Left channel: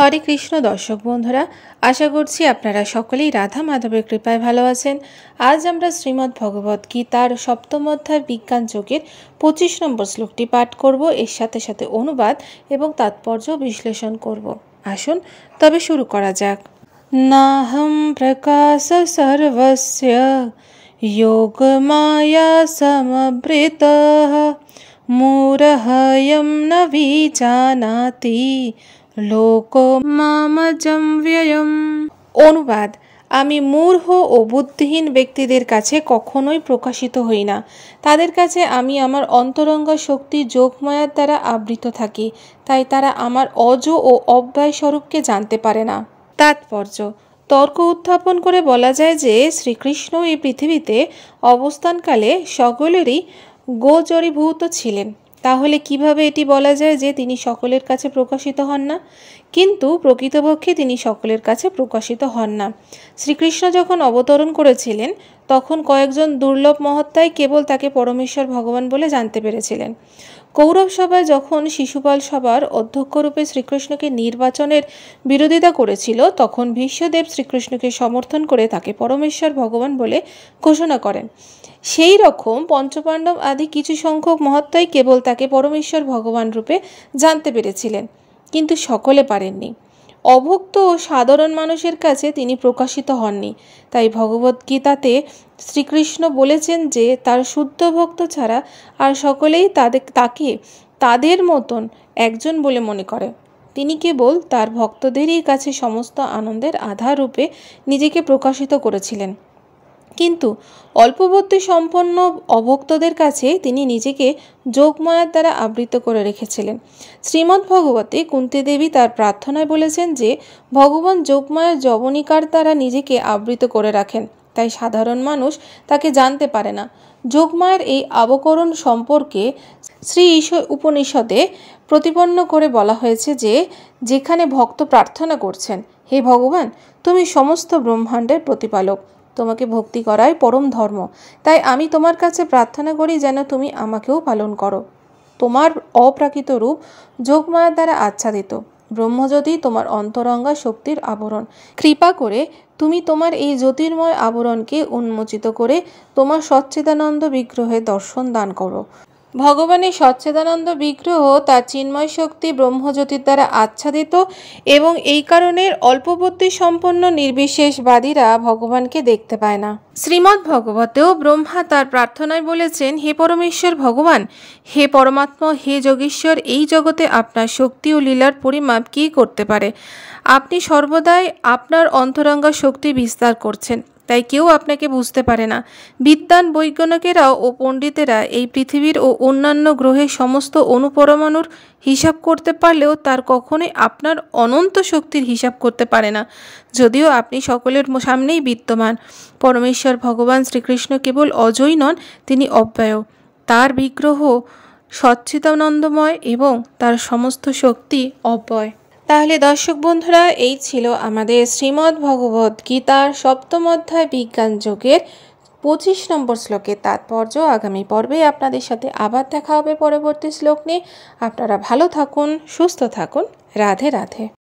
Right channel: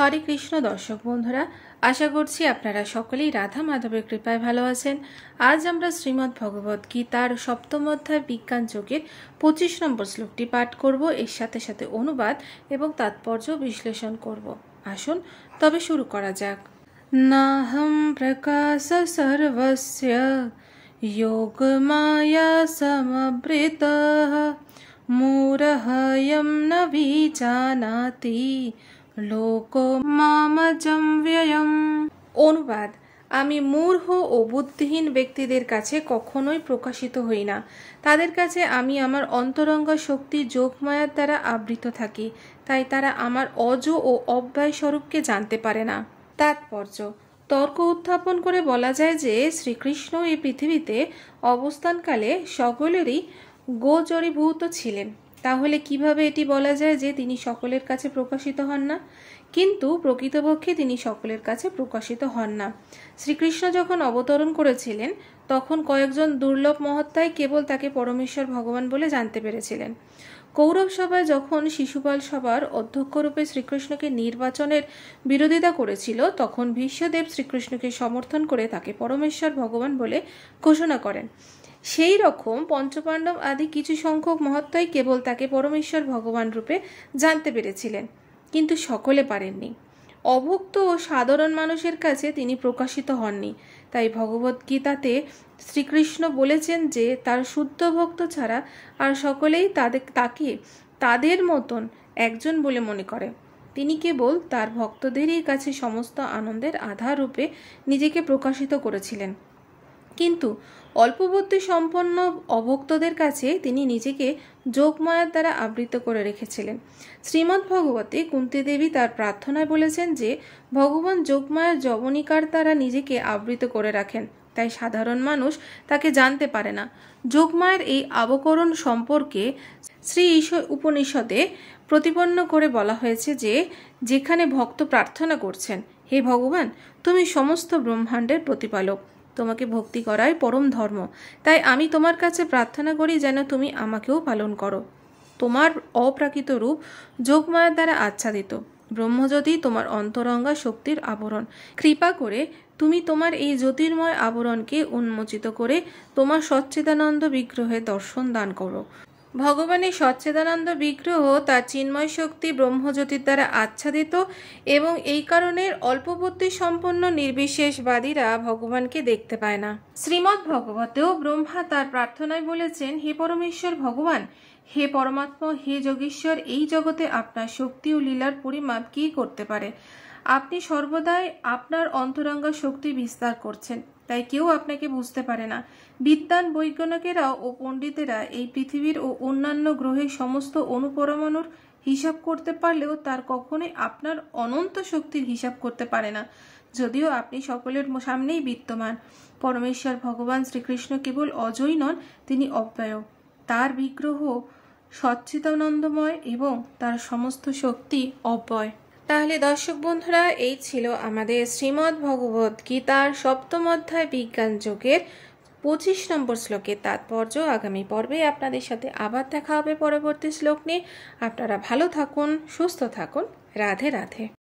হরে কৃষ্ণ দর্শক বন্ধুরা, আশা করছি আপনারা সকলেই রাধা মাধবের কৃপায় ভালো আছেন। আজ আমরা শ্রীমদ্ ভগবত গীতার সপ্তম অধ্যায় বিজ্ঞান যোগের 25 নম্বর শ্লোকটি পাঠ করব। এর সাথে সাথে অনুবাদ এবং তাৎপর্য বিশ্লেষণ করব। আসুন তবে শুরু করা যাক। নাহম প্রকাশ সর্বস্য যোগ মায়া সমবৃতঃ মূঢ়য়ম ন বিজানাতি লোক মামজম ব্যয়ম। অনুবাদ: আমি মূঢ় ও বুদ্ধিহীন ব্যক্তিদের কাছে কখনোই প্রকাশিত হই না। তাদের কাছে আমি আমার অন্তরঙ্গ শক্তি যোগমায়ার দ্বারা আবৃত থাকি, তাই তারা আমার অজ ও অব্যয় স্বরূপকে জানতে পারে না। তাৎপর্য: তর্ক উত্থাপন করে বলা যায় যে শ্রীকৃষ্ণ এই পৃথিবীতে অবস্থানকালে সকলেরই গোচরীভূত ছিলেন। তাহলে কিভাবে এটি বলা যায় যে তিনি সকলের কাছে প্রকাশিত হন না? কিন্তু প্রকৃতপক্ষে তিনি সকলের কাছে প্রকাশিত হন না। শ্রীকৃষ্ণ যখন অবতরণ করেছিলেন তখন কয়েকজন দুর্লভ মহাত্মাই কেবল তাকে পরমেশ্বর ভগবান বলে জানতে পেরেছিলেন। কৌরব সভায় যখন শিশুপাল সভার অধ্যক্ষরূপে শ্রীকৃষ্ণকে নির্বাচনের বিরোধিতা করেছিল, তখন ভীষ্মদেব শ্রীকৃষ্ণকে সমর্থন করে তাকে পরমেশ্বর ভগবান বলে ঘোষণা করেন। সেই রকম পঞ্চপাণ্ডব আদি কিছু সংখ্যক মহাত্মাই কেবল তাকে পরমেশ্বর ভগবান রূপে জানতে পেরেছিলেন, কিন্তু সকলে পারেননি। অভুক্ত ও সাধারণ মানুষের কাছে তিনি প্রকাশিত হননি। তাই ভগবদ্গীতাতে শ্রীকৃষ্ণ বলেছেন যে তার শুদ্ধ ভক্ত ছাড়া আর সকলেই তাকে তাদের মতন একজন বলে মনে করে। তিনি কেবল তার ভক্তদেরই কাছে সমস্ত আনন্দের আধার রূপে নিজেকে প্রকাশিত করেছিলেন, কিন্তু অল্পবুদ্ধি সম্পন্ন অভক্তদের কাছে তিনি নিজেকে যোগমায়ার দ্বারা আবৃত করে রেখেছিলেন। শ্রীমদ্ ভগবতে কুন্তী দেবী তার প্রার্থনায় বলেছেন যে ভগবান যোগমায়ার যবনিকার দ্বারা নিজেকে আবৃত করে রাখেন, তাই সাধারণ মানুষ তাকে জানতে পারে না। যোগমায়ার এই আবকরণ সম্পর্কে শ্রী ঈশ্বর উপনিষদে প্রতিপন্ন করে বলা হয়েছে যে যেখানে ভক্ত প্রার্থনা করছেন, হে ভগবান, তুমি সমস্ত ব্রহ্মাণ্ডের প্রতিপালক, তোমাকে ভক্তি করাই পরম ধর্ম, তাই আমি তোমার কাছে প্রার্থনা করি যেন তুমি আমাকেও পালন করো। তোমার অপ্রাকৃত রূপ যোগমায়ার দ্বারা আচ্ছাদিত। ব্রহ্মজ্যোতি তোমার অন্তরঙ্গা শক্তির আবরণ। কৃপা করে তুমি তোমার এই জ্যোতির্ময় আবরণকে উন্মোচিত করে তোমার সচ্চিদানন্দ বিগ্রহে দর্শন দান করো। ভগবানের সচ্চিদানন্দ বিগ্রহ তার চিন্ময় শক্তি ব্রহ্মজ্যোতির দ্বারা আচ্ছাদিত, এবং এই কারণে অল্পবুদ্ধি সম্পন্ন নির্বিশেষবাদীরা ভগবানকে দেখতে পায় না। শ্রীমদ্ ভগবতেও ব্রহ্মা তার প্রার্থনায় বলেছেন, হে পরমেশ্বর ভগবান, হে পরমাত্মা, হে যোগীশ্বর, এই জগতে আপনার শক্তি ও লীলার পরিমাপ কী করতে পারে? আপনি সর্বদাই আপনার অন্তরঙ্গা শক্তি বিস্তার করছেন, তাই কেউ আপনাকে বুঝতে পারে না। বিদ্বান বৈজ্ঞানিকেরাও ও পণ্ডিতেরা এই পৃথিবীর ও অন্যান্য গ্রহের সমস্ত অণুপরমাণুর হিসাব করতে পারলেও তার কখনোই আপনার অনন্ত শক্তির হিসাব করতে পারে না, যদিও আপনি সকলের সামনেই বিদ্যমান। পরমেশ্বর ভগবান শ্রীকৃষ্ণ কেবল অজয় নন, তিনি অব্যয়। তার বিগ্রহ সচ্চিদানন্দময় এবং তার সমস্ত শক্তি অব্যয়। তাহলে দর্শক বন্ধুরা, এই ছিল আমাদের শ্রীমদ্ ভগবত গীতার সপ্তম অধ্যায় বিজ্ঞান যোগের 25 নম্বর শ্লোকের তাৎপর্য। আগামী পর্বে আপনাদের সাথে আবার দেখা হবে পরবর্তী শ্লোক নিয়ে। আপনারা ভালো থাকুন, সুস্থ থাকুন। রাধে রাধে।